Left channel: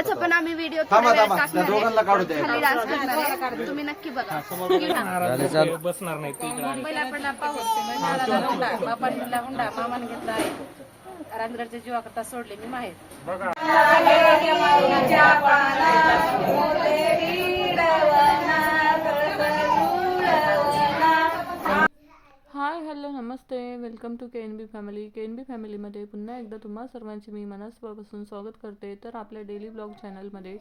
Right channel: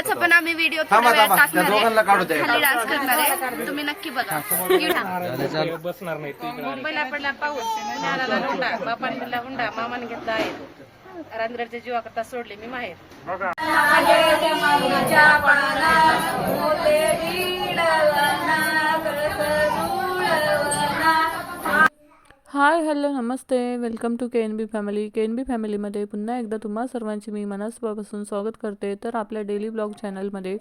त्याचा पण आम्ही व्हिडिओ थोड्या वेळात टाकणार आहे. खाली डान्स करणार आहे, तुम्ही नक्की बघा. बसणार नाही. मुंबईला पडला पाऊस, पुण्याला हुंडा, बापाने दिला हुंडा, मामाने घेतला आहे. रांजगडच्या जीवाकरता सोडले मी माहेर. हाय हॅलो नमस्ते, welcome to KNB family. KNB फॅमिलीमध्ये पुन्हा एकदा तुम्हा सर्वांची मी मनापासून स्वागत करते. तर आपल्या डेली ब्लॉग चॅनलमध्ये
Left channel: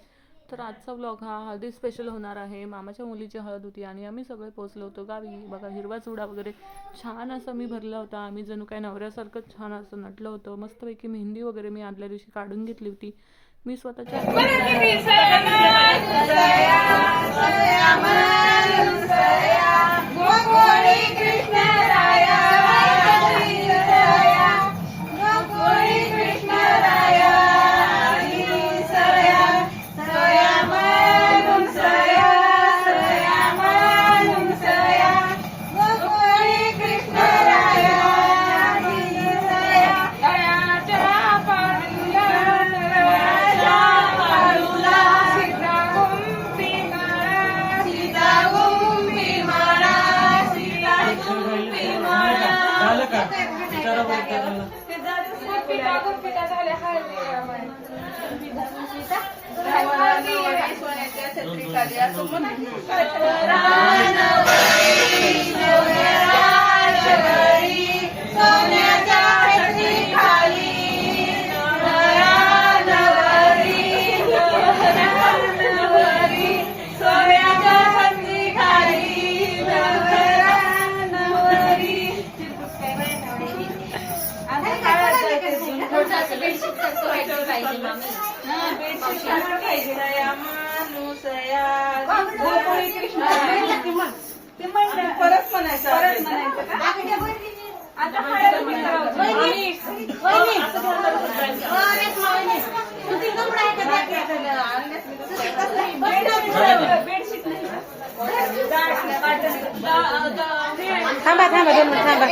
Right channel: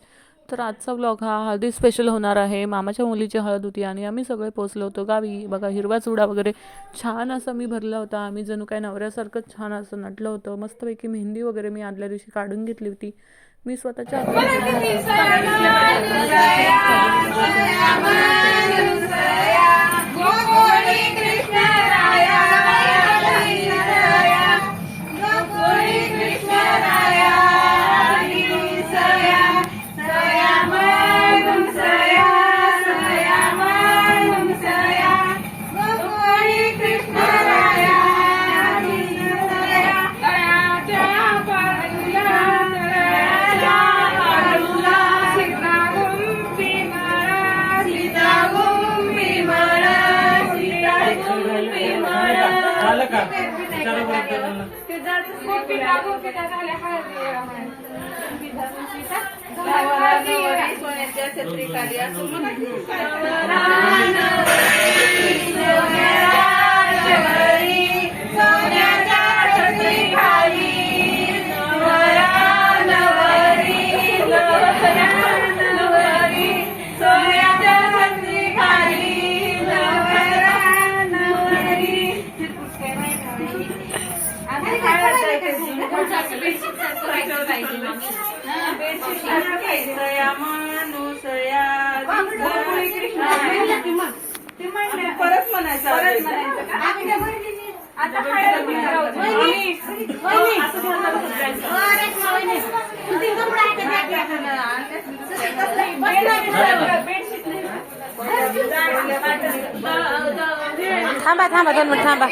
तर आजचा ब्लॉग हा हळदी स्पेशल होणार आहे. मामाच्या मुलीची हळद होती आणि आम्ही सगळे पोचलो होतो गावी. बघा हिरवा चुडा वगैरे छान असं मी भरला होता. आम्ही जणू काय नवऱ्यासारखंच छान असं नटलं होतं. मस्तपैकी मेहंदी वगैरे मी आदल्या दिवशी काढून घेतली होती. मी स्वतःच्या परत म्हणायचं थांबा 2 मिनिट थांबा.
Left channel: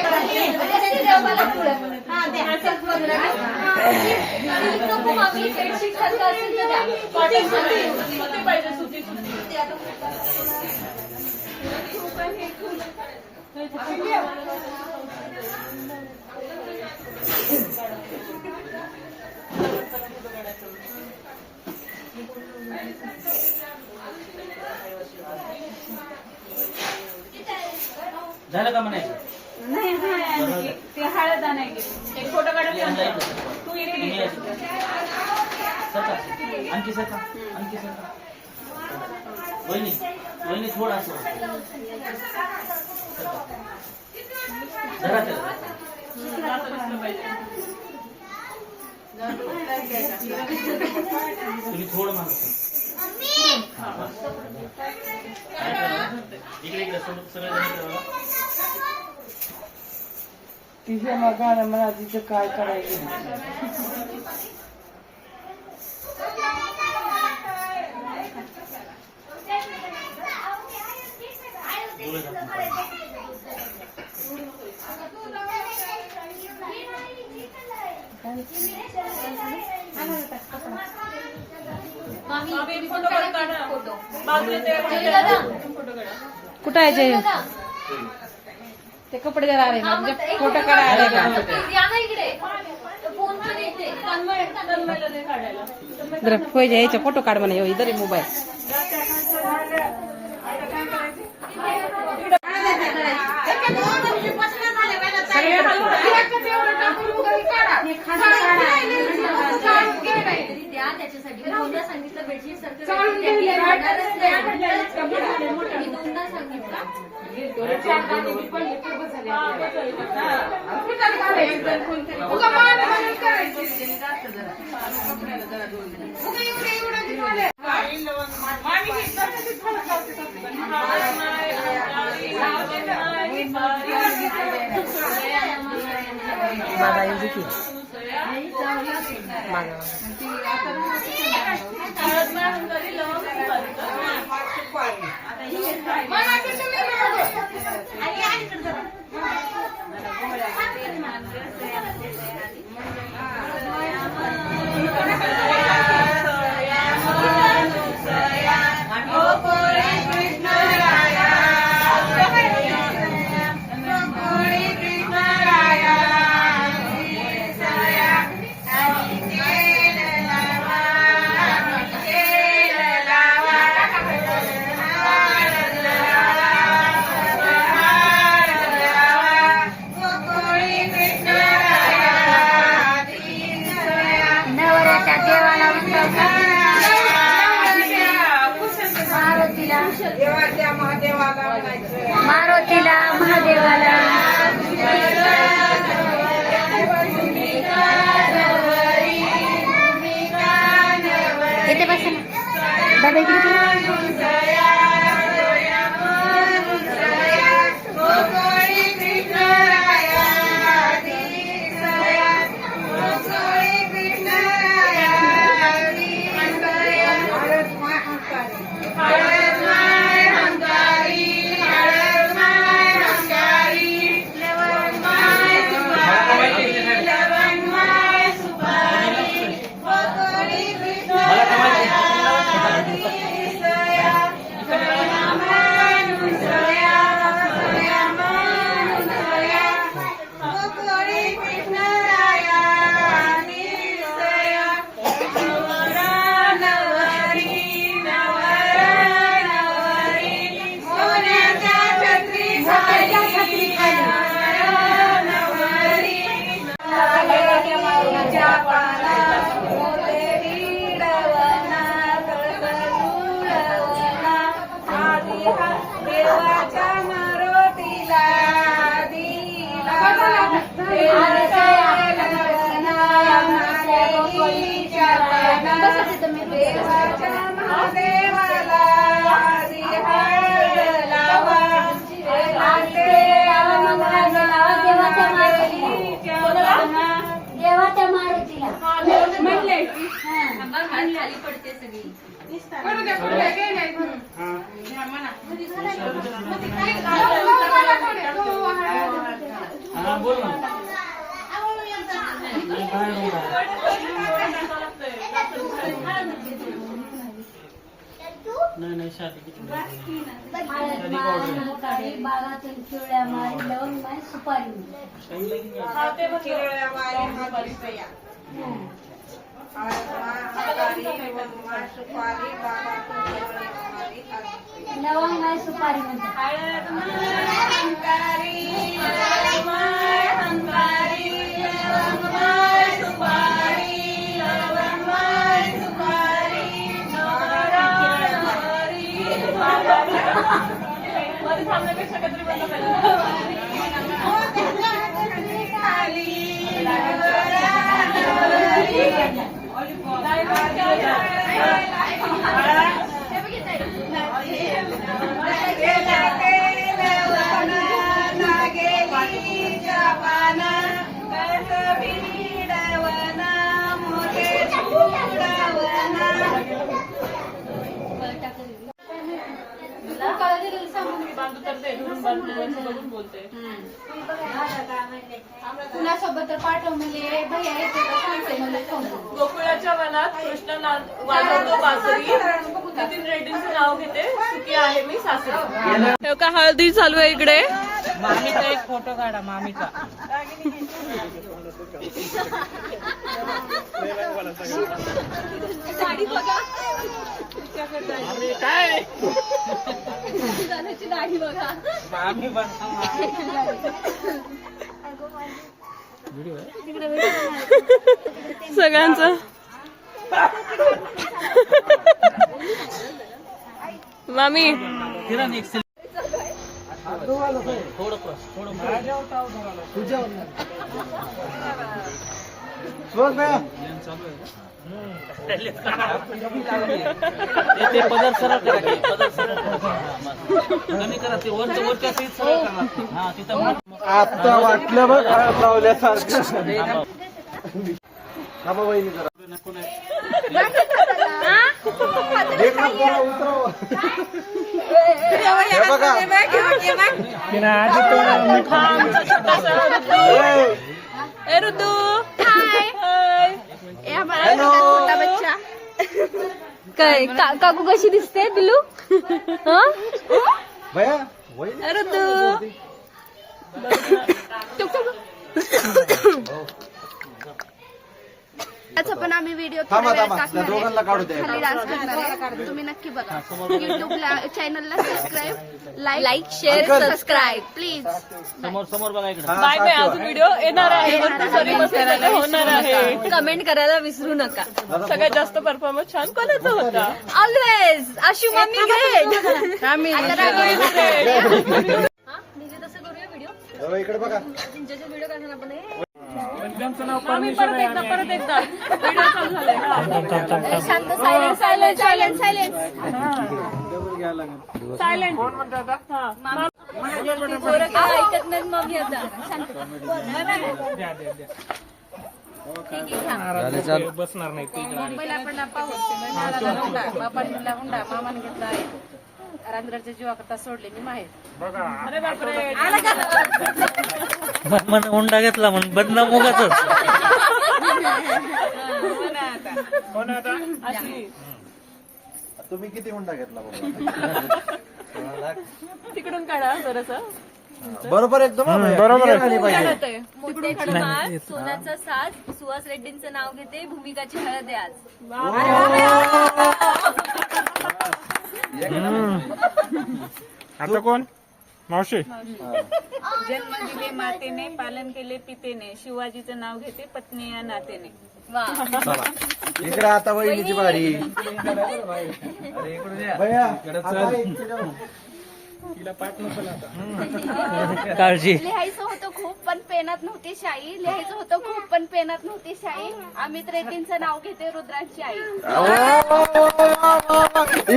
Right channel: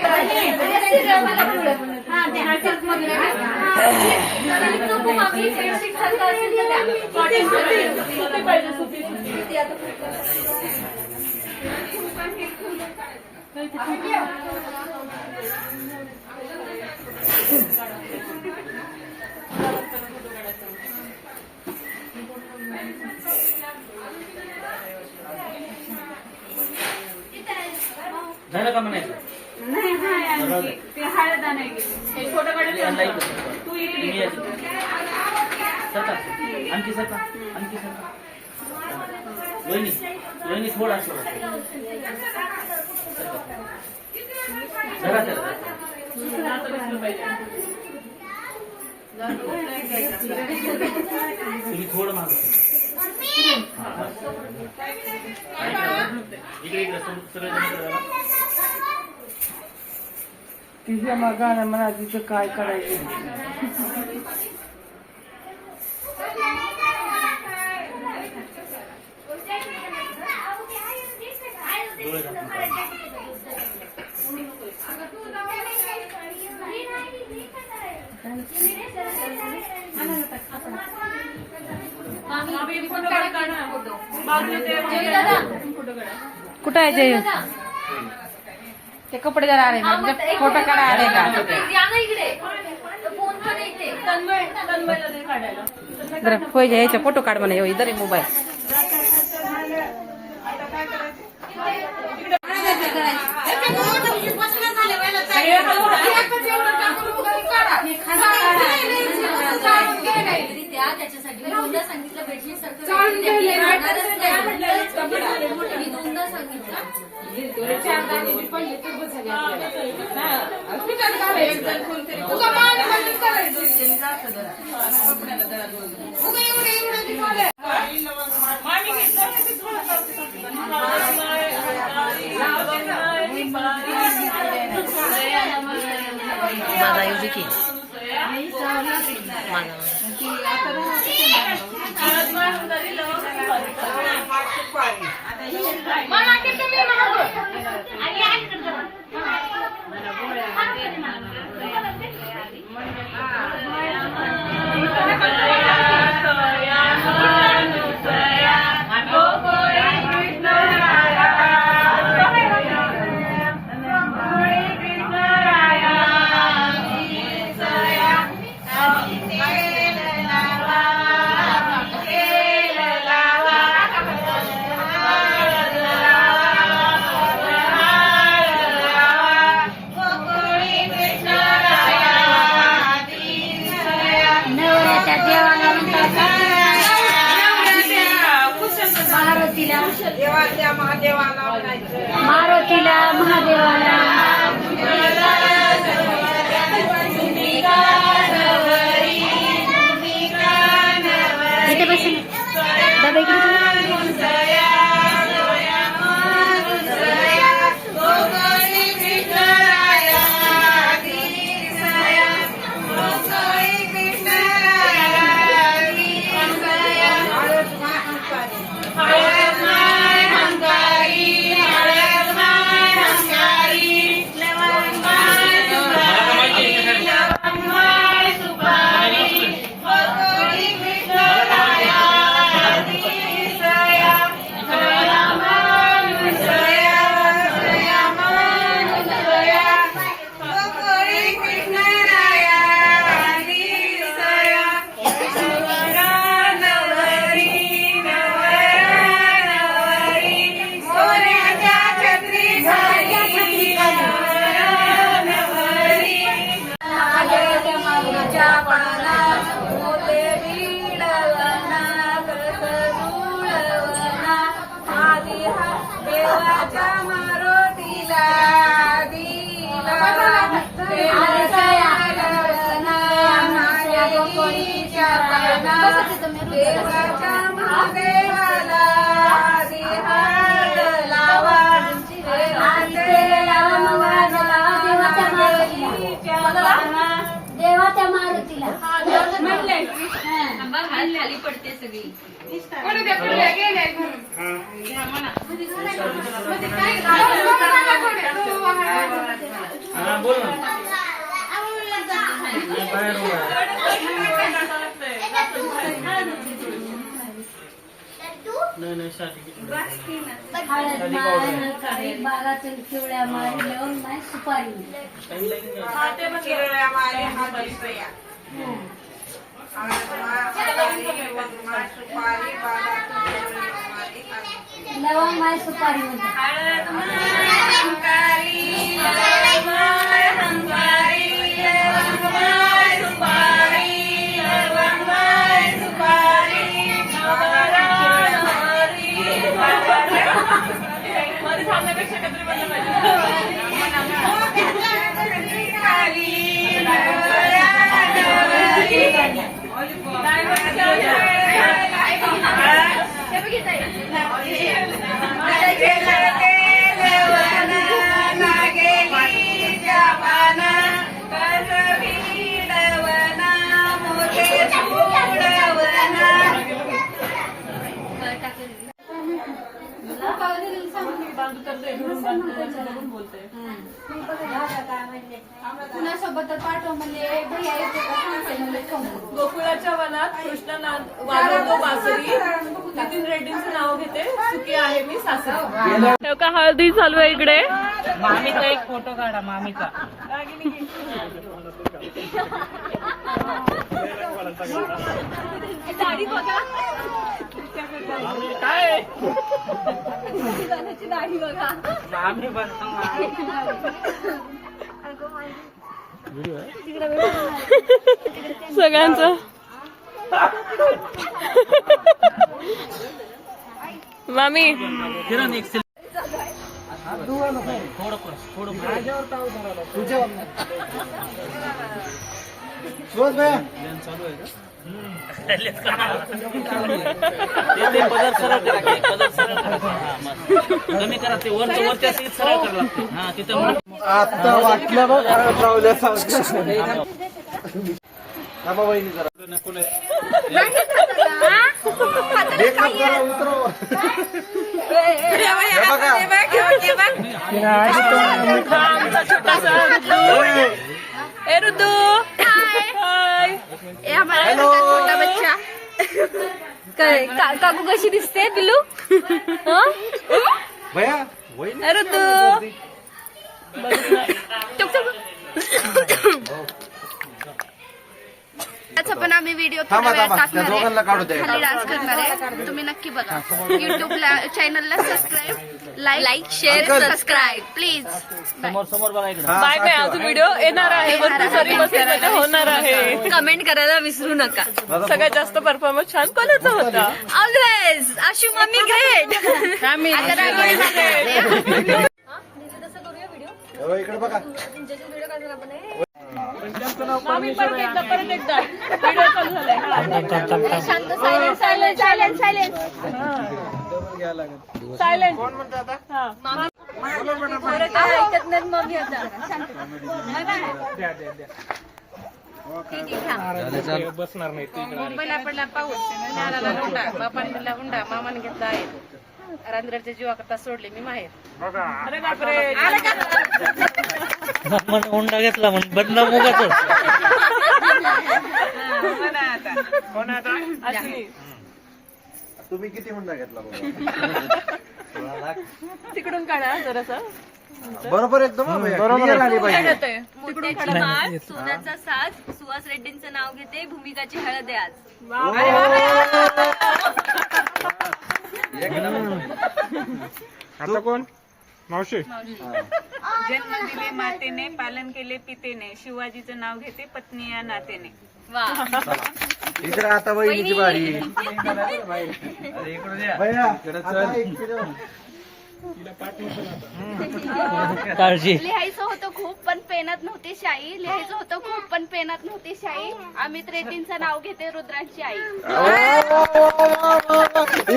झालं का म्हणायचं? नाही ते हळद नाही गेली. एक फोटो काढायला तू इकडे सरका आणखी सरका आणखी सरका. वहिनी थोडा असं तुम्ही थोडं मागत इकडे सरळ तिच्या मगानं म्हणा तिचं काय करायचं. कुठं आहे जय? ते कपडे जरा आले फोटो काढा आले का? बरं यायचा फोटो काढ म्हणा इधर मोबाईल. त्याच्यासाठी सांगितलं बेडशीट देवाच्या महादेवाला म्हणायचं. मारुतीला महादेवाला इथे बसेल बाबा इकडे देवाच्या मारुतीला पडते सगळी हा बोल ना. नाही शादी किती बागाचं चिवड्या मारी लवंग नाही सुपारी लवंग नाही सुपारी कुणासोबत पाठव म्हणजे गोकुळाच्या वनात कृष्ण वाजवतो बासरी. नितीन रेड्डींचं नाव घेते. सुखी आहे मी सासरी. का हळदी चालू आहे इकडे. मामीचा एक फोटो काढा मामीचा. साडी बघा काय दाढी बघा मामी पण सगळ्यांचं मामी किरण एक थोडं चालू आहे का? ते पदर सरळ करा, ते पदर सरळ करा. हा, बस. कमी करा ते वरच्या सीट सरळ करा लागते. हा तिथं आता वाटलं बघ घरात लावल्यासारखं. थांबा वहिनी जरा. मेकअप जरा उतरव. हे बघा. ए रुद्दू हाय. ए हमारा घर का छोटा बच्चा काय काकू कशी दिसते पिल्लू भैया वहिनी ए रुद्दू चुप चुप त्याचा पण आम्ही व्हिडिओ थोड्या वेळात टाकणार आहे, खाली डान्स करणार आहे, तुम्ही नक्की बघा. युट्यूबला चॅनलला subscribe, like, share, subscribe please. समोर बघा इकडे. Bye bye. अजून व्हिडिओ येणार आहे, सॉरी मध्ये होणार आहे. कमेंट करायला विसरू नका. सगळ्यात जास्त परफॉर्मन्स छान कोणाचा होता? Always Ashu mummy great. आता रागिणी इकडे बघा. मामी परत एकदा व्हिडिओ चालू झालाय. शांत, silent silent silent silent silent. पोरं काय ऐकत नाहीत मम्मी आता. मुंबईला पडला पाऊस नाराला लोंढा बापाने दिला हुंडा मामाने घेतला आहे रांजणाच्या जीवाकरता सोडले मी माहेर. अरे बापरे. मामाने हुंडा घेतला म्हणून बदनाम उगाच. तुम्ही किती हुंडा घेतला तिकडून काढा जरासं. बरोबर एकदम बरोबर आणि पाहिजे. मोठ्याची माळ, सोन्याचा साज, सुहास रेड्डींचं नाव घेते, भूमिकाची हळद आहे आज. आता कोण मावशी? जन्म दिले मातेने, पालन केले पितेने, शिवाजीचं नाव घेते पत्नी या नातेने. वा. इकडे आता वहिनीची बारी. भैया, आता इकडे. काळजी. लिहायचं होतं खूप पण पेनात नव्हती शाई, लिहायचं होतं खूप पण पेनात नव्हती शाई. अमित रेड्डींचं नाव घेते, रुद्रांची आई.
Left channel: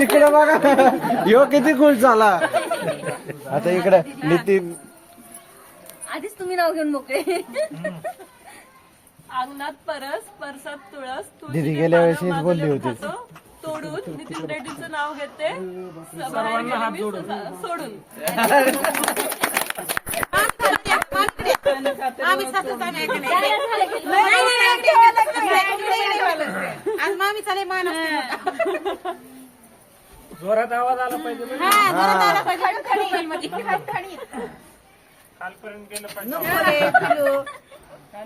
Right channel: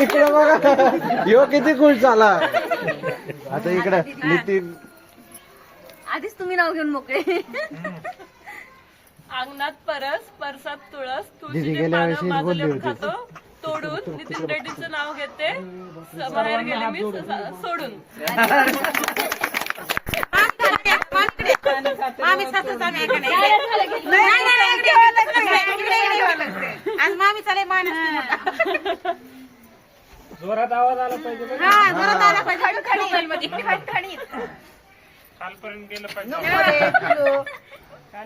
इकडे बघा, ह्यो किती खुश झाला. आता इकडे नितीन. आधीच तुम्ही नाव घेऊन मोकळे. अंगणात परस, परसात तुळस, दीदी तुळशीचे गेल्या पानं वर्षीच माझं बोलली लेप होती. खातो तोडून. नितीन रेड्डींचं नाव घेते, बाहेर गेले मी सोडून. आज मामी चाले मान जोरात आवाज आला पाहिजे.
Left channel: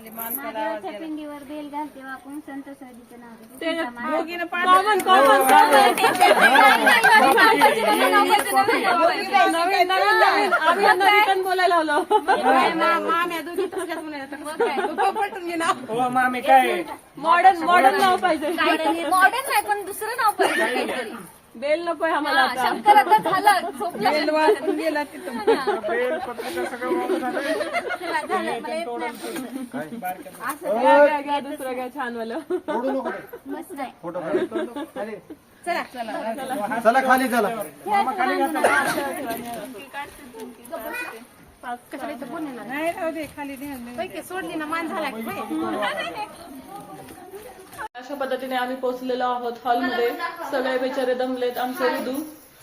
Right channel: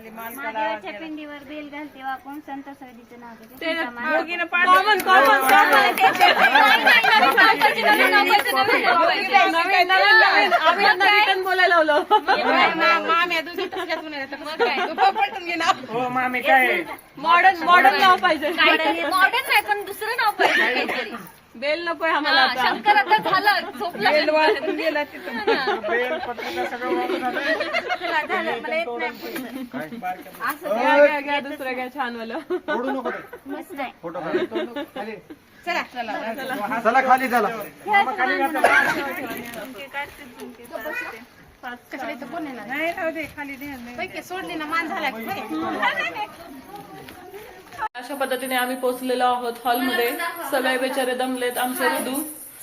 महादेवाच्या पिंडीवर बेल घालते वाकून संत सवदीचं नाव घेते. रिटर्न बोलायला लावलं. हो मामी काय मॉडर्न नाव पाहिजे. मॉडर्न नाही पण दुसरं नाव पाहिजे काहीतरी. बेल नकोय आम्हाला आता. शंकर आता झालं, झोपला. झालं मला येत नाही. घ्या दुसरं घ्या छान वालं. ओढू नको ते. मस्त आहे. फोटो काढ. खाली. चला खाली चला. सोडली ना मान झाला अशा पद्धतीने आम्ही पोहोचलेलो आहोत हॉलमध्ये. सगळे बेचारे दमलेत. आमचे रुदू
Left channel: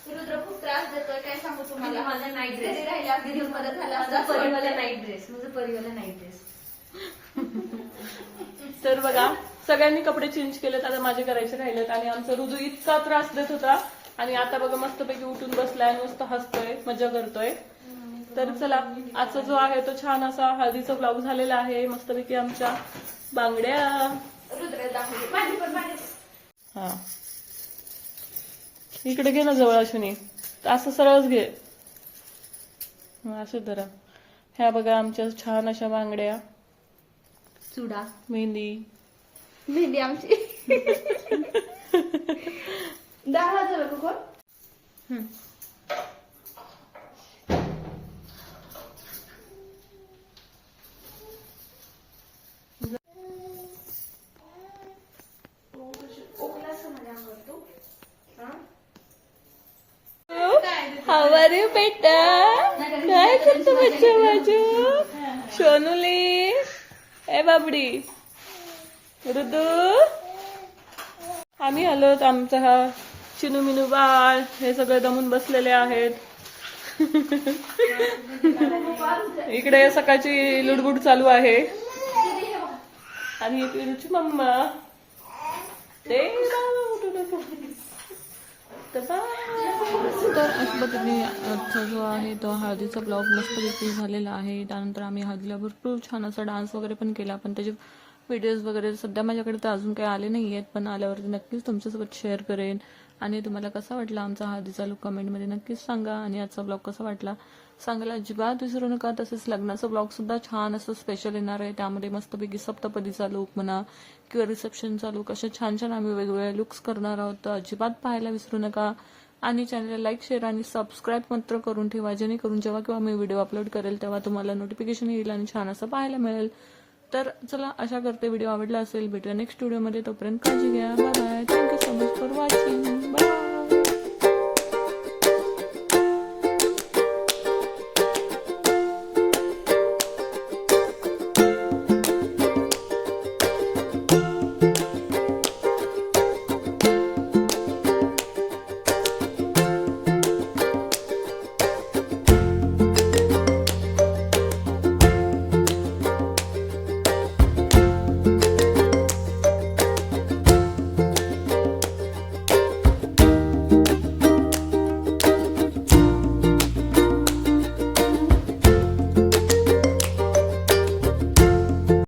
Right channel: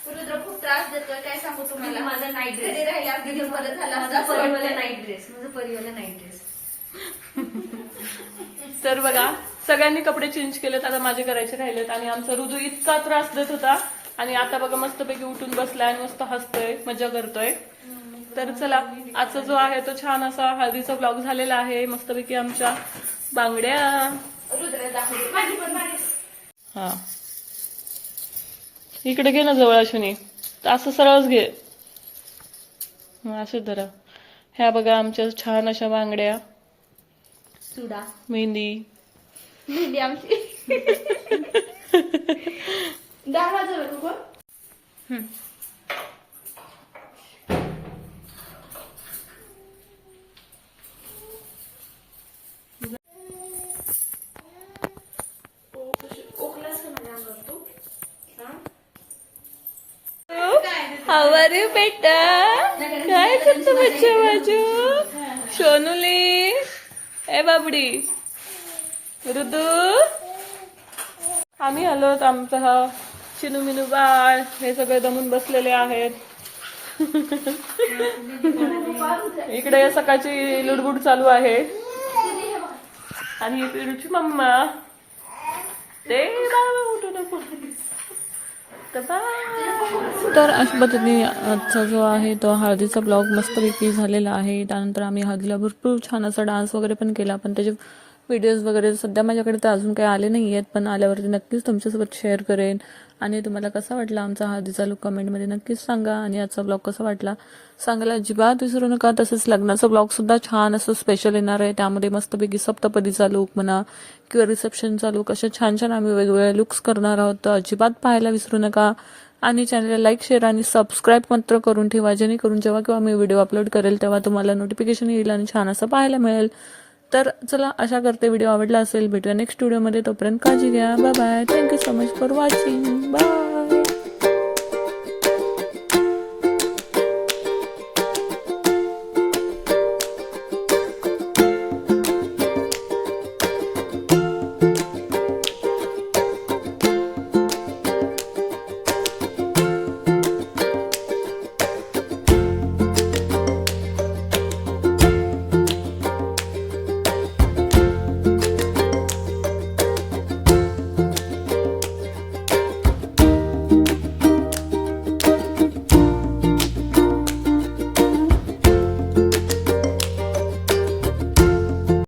रुद्र खूप त्रास देतोय, काय सांगू तुम्हाला. माझा नाईट ड्रेस राहिला, अगदी मध्ये झाला माझा परिवाला नाईट ड्रेस, माझा परिवाला नाईट ड्रेस. तर बघा सगळ्यांनी कपडे चेंज केलेत, आता माझे करायचे राहिलेत. आणि आमचा रुदू इतका त्रास देत होता आणि आता बघा मस्तपैकी उठून बसलाय आणि मस्त हसतोय, मजा करतोय. तर चला आजचा जो आहे तो छान असा हळदीचा ब्लॉग झालेला आहे. मस्तपैकी आमच्या बांगड्या. हा इकडे घे ना जवळ अश्विनी, असं सरळच घे. असं जरा. ह्या बघा आमच्या छान अशा बांगड्या, चुडा, मेहंदी. मेहंदी आमची. 10,000 रुपये. How are you बेटा? काय करतो बच्चा बाजू? सोनुली, ए बाबडी, रुदू. आम्ही आलोत. आमचा हा चिनू मिनू बाळ हे सगळे दमून बसलेले आहेत. इकडे सकाळची लुडबुड चालू आहे. आणि पिरूची मम्मा ते बाबा उठू नको. तर अशा पद्धतीने आजचा जो आहे तो हळदीचा ब्लॉग मस्तपैकी झालेला आहे. त्यानंतर आम्ही हळदीला भरपूर छान असा डान्स वगैरे पण केला, पण त्याचे व्हिडिओज वगैरे सध्या माझ्याकडे तर अजून काही आले नाही आहेत, पण आल्यावरती नक्कीच तुमच्यासोबत शेअर करेन. आणि तुम्हाला कसा वाटला आमचा हळदीचा लुक कमेंटमध्ये नक्कीच सांगा. आणि आजचा ब्लॉग कसा वाटला सांगायला अजिबात विसरू नका. तसंच लग्नाचा ब्लॉगसुद्धा छान असं स्पेशल येणार आहे. त्यामध्ये मस्तपैकी सप्तपदीचा लुक म्हणा किंवा रिसेप्शनचा लुक, अशा छान छान आम्ही वेगवेगळे लुक्स करणार आहोत. तर अजिबात पाहायला विसरू नका. आणि चॅनलला लाईक, शेअर आणि सबस्क्राईब मात्र करून ठेवा, जेणेकरून जेव्हा केव्हा मी व्हिडिओ अपलोड करेल तेव्हा तुम्हाला नोटिफिकेशन येईल आणि छान असं पाहायला मिळेल. तर चला, आशा करते व्हिडिओ आवडला असेल. भेटूया नेक्स्ट व्हिडिओमध्ये. तोपर्यंत काळजी घ्या. Bye bye. Thank you so much for watching. Bye.